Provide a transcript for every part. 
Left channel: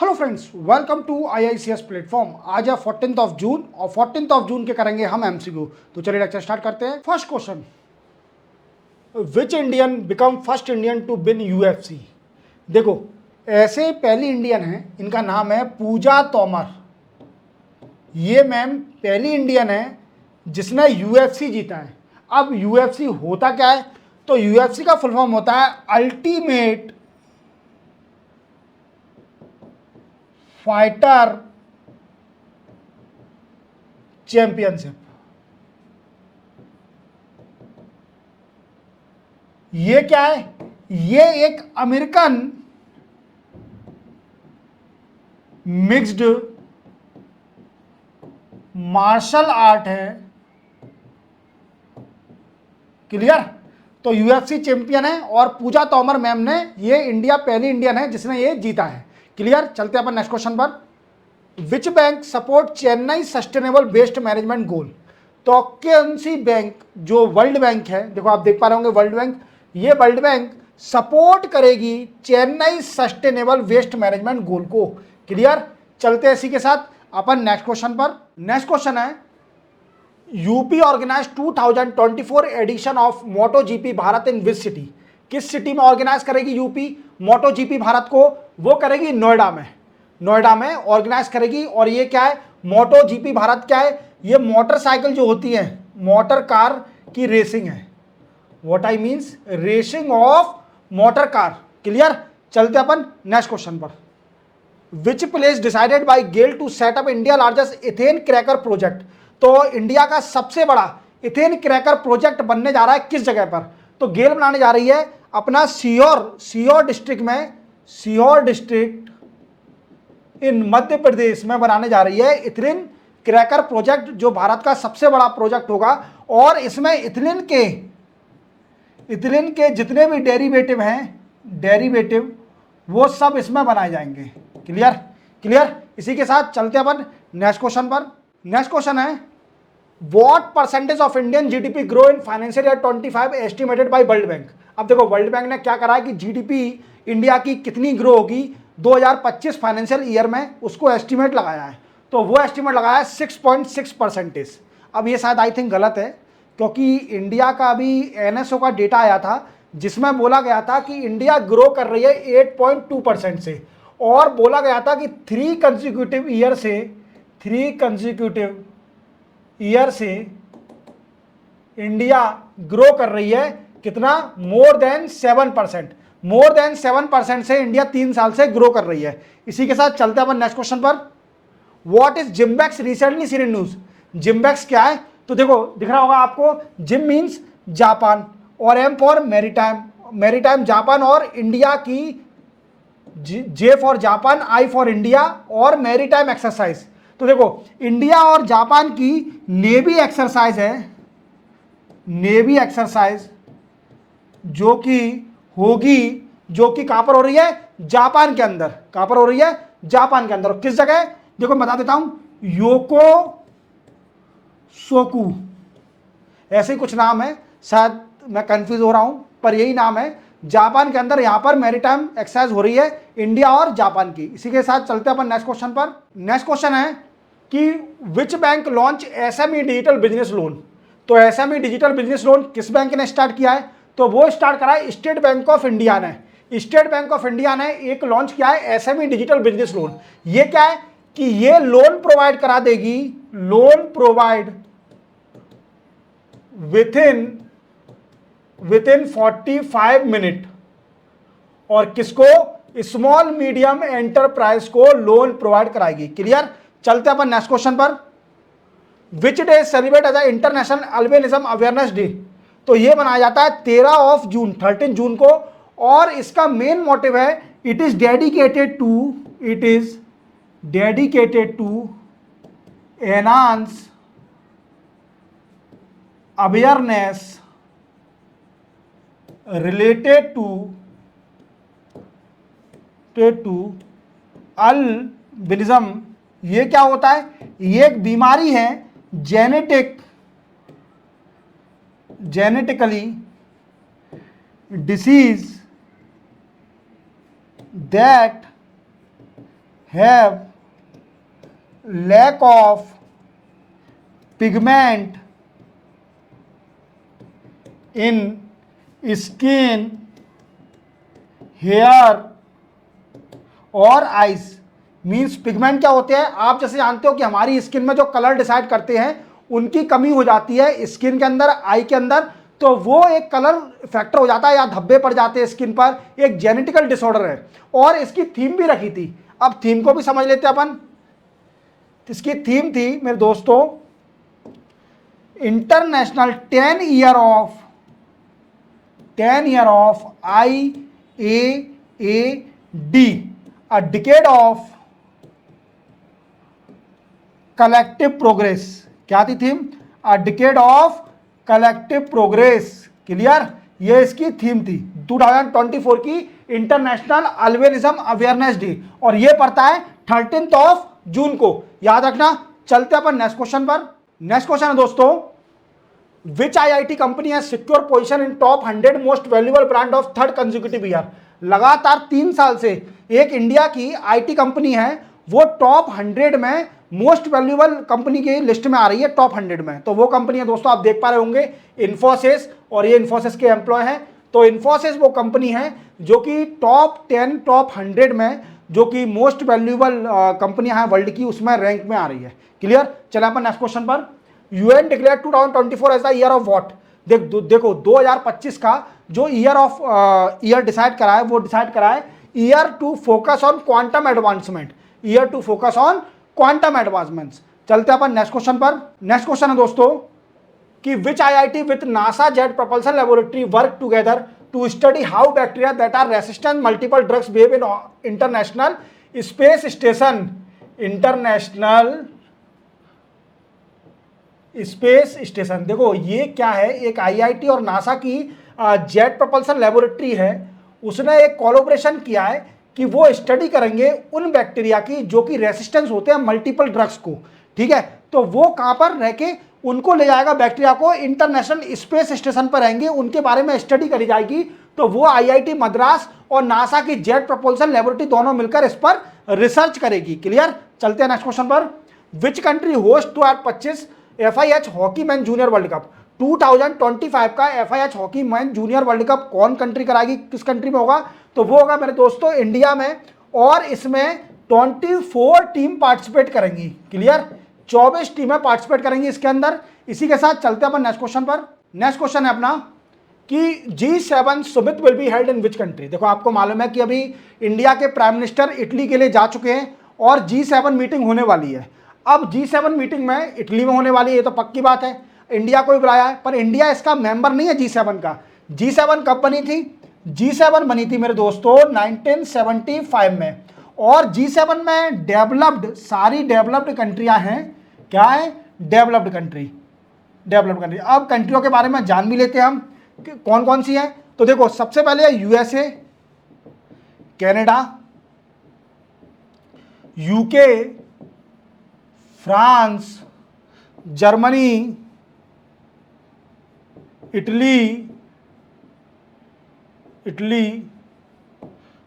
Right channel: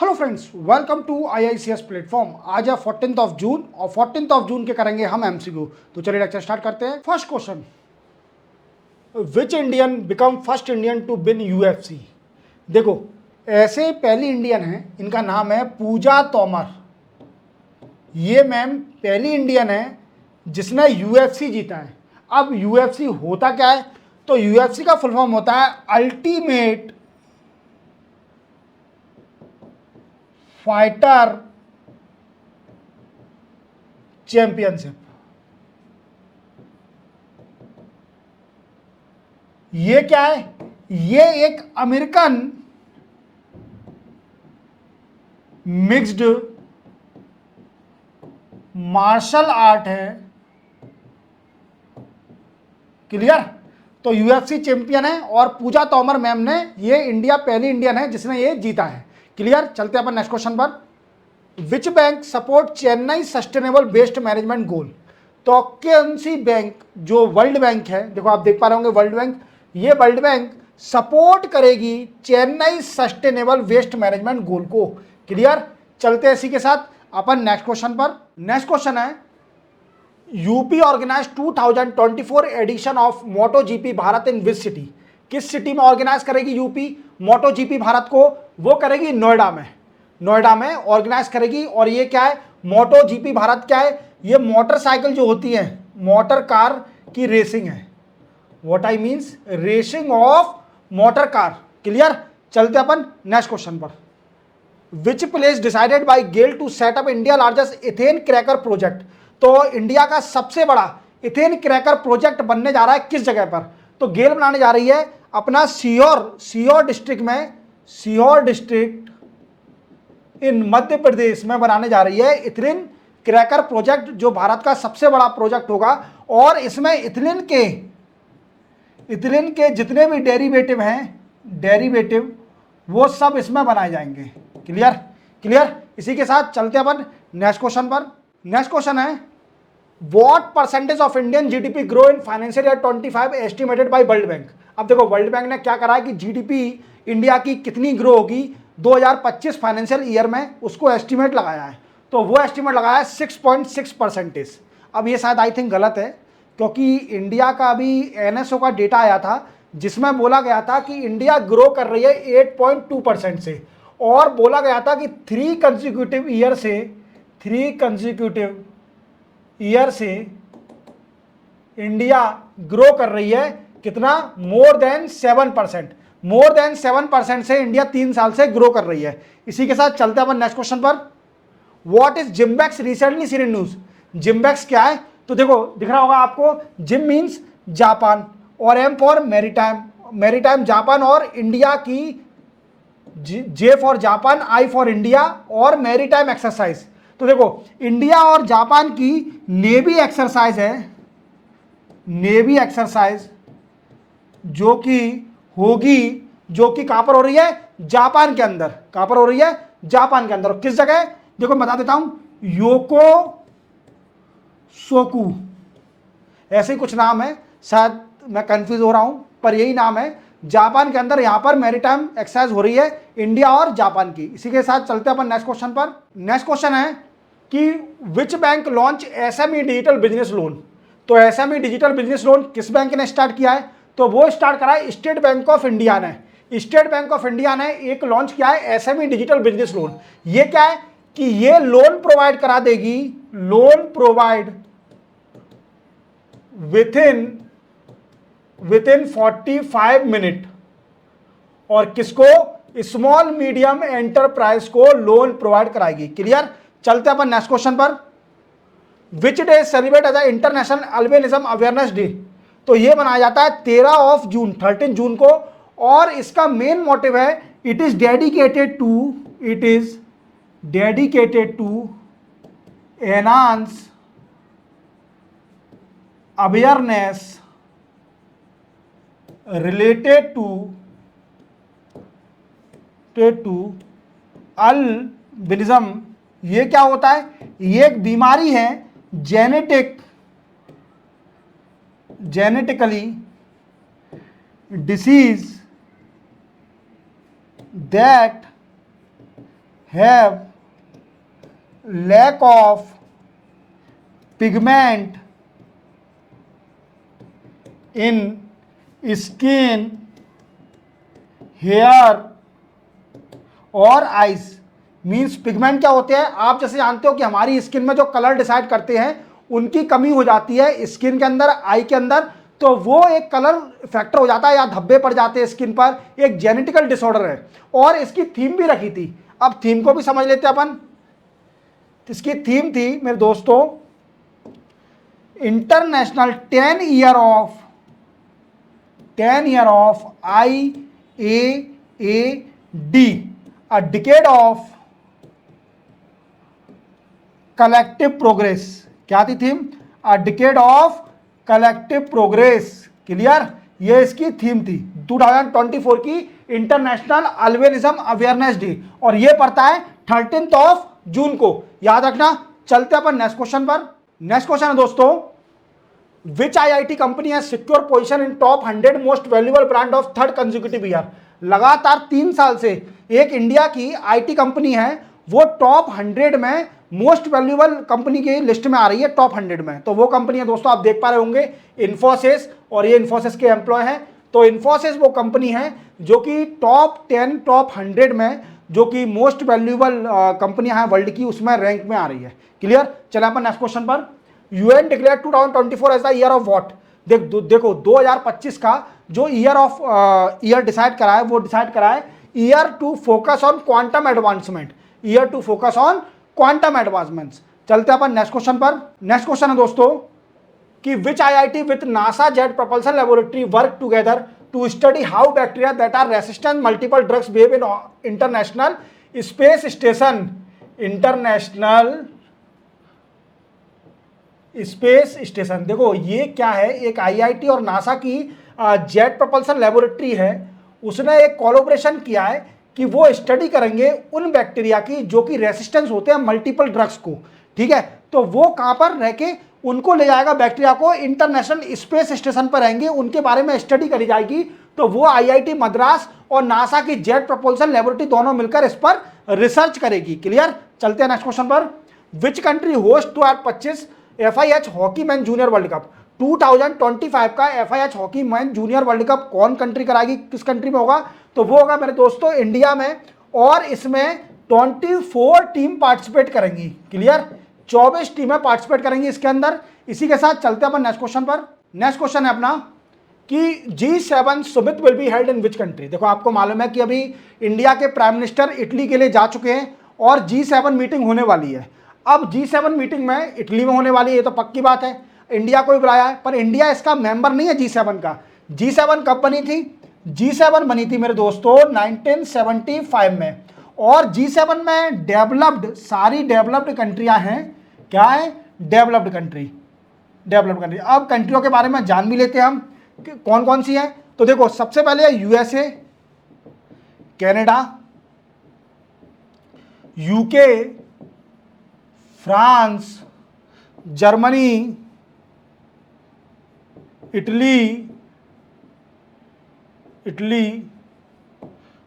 Hello friends, welcome to IICS platform. आज है 14th of June और 14th ऑफ जून के करेंगे हम MCQ। तो चलिए लेक्चर स्टार्ट करते हैं। First question, which Indian become first Indian to win UFC। देखो, ऐसे पहली इंडियन है, इनका नाम है पूजा तोमर। ये मैम पहली इंडियन है जिसने UFC जीता है। अब UFC होता क्या है? तो UFC का फुल फॉर्म होता है अल्टीमेट फाइटर चैंपियनशिप। ये क्या है? ये एक अमेरिकन मिक्स्ड मार्शल आर्ट है। क्लियर? तो UFC चैंपियन है और पूजा तोमर मैम ने, ये इंडिया पहली इंडियन है जिसने ये जीता है। क्लियर? चलते हैं अपन नेक्स्ट क्वेश्चन पर। Which bank support Chennai sustainable waste management goal. तो कौन सी बैंक, जो वर्ल्ड बैंक है, देखो आप देख पा रहे होंगे वर्ल्ड बैंक, ये वर्ल्ड बैंक सपोर्ट करेगी Chennai sustainable waste management goal को। क्लियर? चलते हैं इसी के साथ अपन नेक्स्ट क्वेश्चन पर। नेक्स्ट क्वेश्चन है, UP organize 2024 edition of Moto GP Bharat in which city. किस सिटी में ऑर्गेनाइज करेगी यूपी मोटो जीपी भारत को? वो करेगी नोएडा में। नोएडा में ऑर्गेनाइज करेगी। और ये क्या है? मोटो जीपी भारत क्या है? ये मोटरसाइकिल जो होती है, मोटर कार की रेसिंग है। What I means racing of motor car. Clear? चलते अपन नेक्स्ट क्वेश्चन पर। Which place decided by GAIL to set up India largest ethane cracker project. तो इंडिया का सबसे बड़ा इथेन क्रैकर प्रोजेक्ट बनने जा रहा है किस जगह पर? तो गेल बनाने जा रही है अपना सीहोर डिस्ट्रिक्ट में, सीहोर डिस्ट्रिक्ट इन मध्य प्रदेश में बनाने जा रही है इथेन क्रैकर प्रोजेक्ट, जो भारत का सबसे बड़ा प्रोजेक्ट होगा। और इसमें इथेन के जितने भी डेरिवेटिव हैं, डेरिवेटिव वो सब इसमें बनाए जाएंगे। क्लियर? क्लियर? इसी के साथ चलते हैं अपन नेक्स्ट क्वेश्चन पर। नेक्स्ट क्वेश्चन है, what percentage of Indian GDP grow in financial year 25 estimated by world bank. अब देखो, वर्ल्ड बैंक ने क्या करा है कि जीडीपी इंडिया की कितनी ग्रो होगी 2025 फाइनेंशियल ईयर में, उसको एस्टिमेट लगाया है। तो वो एस्टिमेट लगाया है 6.6%। अब ये शायद आई थिंक गलत है, क्योंकि इंडिया का अभी NSO का डेटा आया था जिसमें बोला गया था कि इंडिया ग्रो कर रही है 8.2% से, और बोला गया था कि 3 कंसेक्यूटिव ईयर से इंडिया ग्रो कर रही है कितना? More than 7%। मोर देन 7% से इंडिया 3 साल से ग्रो कर रही है। इसी के साथ चलते हैं अपन नेक्स्ट क्वेश्चन पर। What is JIMEX recently seen in news. JIMEX क्या है? तो देखो, दिख रहा होगा आपको, जिम मीन्स जापान, और M for maritime, maritime Japan, और इंडिया की J for Japan, I for India, और मैरीटाइम एक्सरसाइज। तो देखो, इंडिया और जापान की नेवी एक्सरसाइज है, नेवी एक्सरसाइज जो कि होगी, जो कि कहां पर हो रही है? जापान के अंदर। कहां पर हो रही है? जापान के अंदर। किस जगह? देखो मैं बता देता हूं, योको सोकू, ऐसे ही कुछ नाम है, शायद मैं कंफ्यूज हो रहा हूं, पर यही नाम है। जापान के अंदर यहां पर मैरीटाइम एक्सरसाइज हो रही है इंडिया और जापान की। इसी के साथ चलते हैं अपन नेक्स्ट क्वेश्चन पर। नेक्स्ट क्वेश्चन है कि which bank launch SME digital business loan. तो SME डिजिटल बिजनेस लोन किस बैंक ने स्टार्ट किया है? तो वो स्टार्ट करा है स्टेट बैंक ऑफ इंडिया ने। स्टेट बैंक ऑफ इंडिया ने एक लॉन्च किया है SME डिजिटल बिजनेस लोन। ये क्या है कि ये लोन प्रोवाइड करा देगी, लोन प्रोवाइड विथिन 45 मिनट। और किसको? स्मॉल मीडियम एंटरप्राइज को लोन प्रोवाइड कराएगी। क्लियर? चलते हैं अपन नेक्स्ट क्वेश्चन पर। Which day celebrate as international albinism awareness day. तो ये मनाया जाता है 13 जून, 13 जून को, और इसका मेन मोटिव है it is dedicated to enhance awareness related to albinism. ये क्या होता है? ये एक बीमारी है, genetically disease that have lack of pigment in skin, hair और आइज। मीन्स पिगमेंट क्या होते हैं, आप जैसे जानते हो कि हमारी स्किन में जो कलर डिसाइड करते हैं उनकी कमी हो जाती है स्किन के अंदर, आई के अंदर, तो वो एक कलर फैक्टर हो जाता है या धब्बे पड़ जाते हैं स्किन पर, एक जेनेटिकल डिसऑर्डर है। और इसकी थीम भी रखी थी, अब थीम को भी समझ लेते हैं अपन। इसकी थीम थी मेरे दोस्तों, international 10 year of IAAD, a decade of collective progress. क्या थी theme? A decade of collective progress. Clear? ये इसकी थीम थी 2024 की इंटरनेशनल अल्बिनिज्म अवेयरनेस डे, और ये पड़ता है 13 जून को, याद रखना। चलते अपन नेक्स्ट क्वेश्चन पर। नेक्स्ट क्वेश्चन है दोस्तों, विच IIT company has secure position in top 100 most valuable brand of third consecutive year. लगातार 3 साल से एक इंडिया की IT कंपनी है, वो टॉप 100 में मोस्ट वैल्यूएबल कंपनी की लिस्ट में आ रही है, टॉप 100 में। तो वो कंपनी है दोस्तों, आप देख पा रहे होंगे, इन्फोसिस, और ये इन्फोसिस के एम्प्लॉय हैं। तो इन्फोसिस वो कंपनी है जो कि टॉप 10, टॉप 100 में, जो कि मोस्ट वैल्यूएबल कंपनियां हैं वर्ल्ड की, उसमें रैंक में आ रही है। क्लियर? चले अपन नेक्स्ट क्वेश्चन पर। UN declare 2024 as the year of what. देखो 2025 का जो ईयर डिसाइड करा है, वो डिसाइड करा है year to focus on quantum advancement, year to focus on quantum advancements. चलते हैं अपन नेक्स्ट क्वेश्चन पर। नेक्स्ट क्वेश्चन है दोस्तों कि which IIT with NASA jet propulsion laboratory work together to study how bacteria that are resistant multiple drugs behave in international space station. International space station, देखो ये क्या है, एक IIT और नासा की जेट प्रोपल्सन लेबोरेटरी है, उसने एक कोलैबोरेशन किया है कि वो स्टडी करेंगे उन बैक्टीरिया की जो कि रेसिस्टेंस होते हैं मल्टीपल ड्रग्स को। ठीक है, तो वो कहाँ पर रह के उनको ले जाएगा, बैक्टीरिया को इंटरनेशनल स्पेस स्टेशन पर रहेंगे, उनके बारे में स्टडी करी जाएगी। तो वो IIT मद्रास और नासा की जेट प्रोपल्सन लेबोरेटरी दोनों मिलकर इस पर रिसर्च करेगी। क्लियर? चलते हैं नेक्स्ट क्वेश्चन पर। Which country host 2025 FIH hockey man junior world cup. 2025 का FIH hockey man junior world cup कौन कंट्री कराएगी, किस कंट्री में होगा? तो वो होगा मेरे दोस्तों इंडिया में, और इसमें 24 टीम पार्टिसिपेट करेंगी। क्लियर? 24 टीमें पार्टिसिपेट करेंगी इसके अंदर। इसी के साथ चलते हैं अपन नेक्स्ट क्वेश्चन पर। नेक्स्ट क्वेश्चन है अपना कि G7 summit will be held in which country. देखो आपको मालूम है कि अभी इंडिया के प्राइम मिनिस्टर इटली के लिए जा चुके हैं और G7 मीटिंग होने वाली है। अब G7 मीटिंग में इटली में होने वाली है, ये तो पक्की बात है। इंडिया को भी बुलाया है, पर इंडिया इसका मेंबर नहीं है G7 का। G7 कब बनी थी? G7 बनी थी मेरे दोस्तों 1975 में, और G7 में डेवलप्ड, सारी डेवलप्ड कंट्रियां हैं। क्या है? Developed country. अब कंट्रियों के बारे में जान भी लेते हैं हम कि कौन कौन सी हैं। तो देखो सबसे पहले है USA, Canada, UK, France, Germany, Italy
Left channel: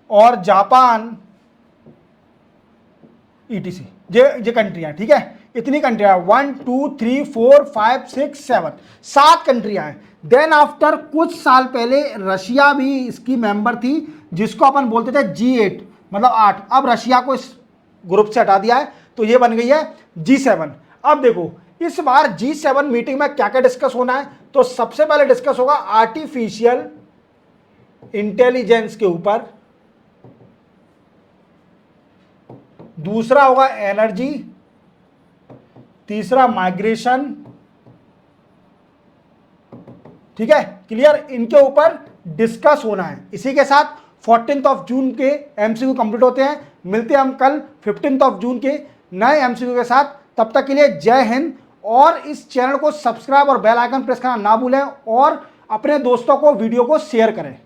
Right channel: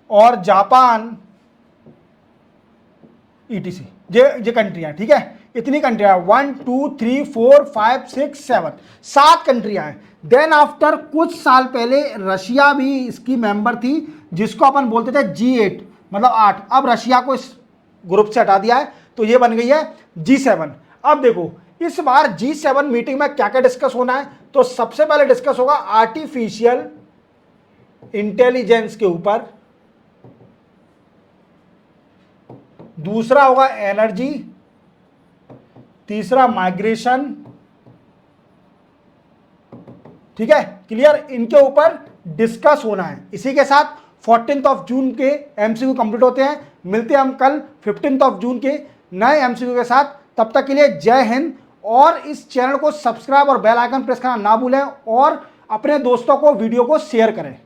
और जापान, ETC। ये कंट्रियां, ठीक है, इतनी कंट्रियां, 1 2 3 4 5 6 7, 7 कंट्रियां हैं। देन आफ्टर कुछ साल पहले रशिया भी इसकी मेंबर थी, जिसको अपन बोलते थे G8, मतलब 8। अब रशिया को इस ग्रुप से हटा दिया है, तो ये बन गई है G7। अब देखो इस बार G7 मीटिंग में क्या क्या डिस्कस होना है। तो सबसे पहले डिस्कस होगा आर्टिफिशियल इंटेलिजेंस के ऊपर, दूसरा होगा एनर्जी, तीसरा माइग्रेशन। ठीक है, क्लियर? इनके ऊपर डिस्कस होना है। इसी के साथ 14 जून के MCQ कंप्लीट होते हैं। मिलते हैं हम कल 15 जून के नए MCQ के साथ। तब तक के लिए जय हिंद, और इस चैनल को सब्सक्राइब और बेल आइकन प्रेस करना ना भूलें, और अपने दोस्तों को वीडियो को शेयर करें।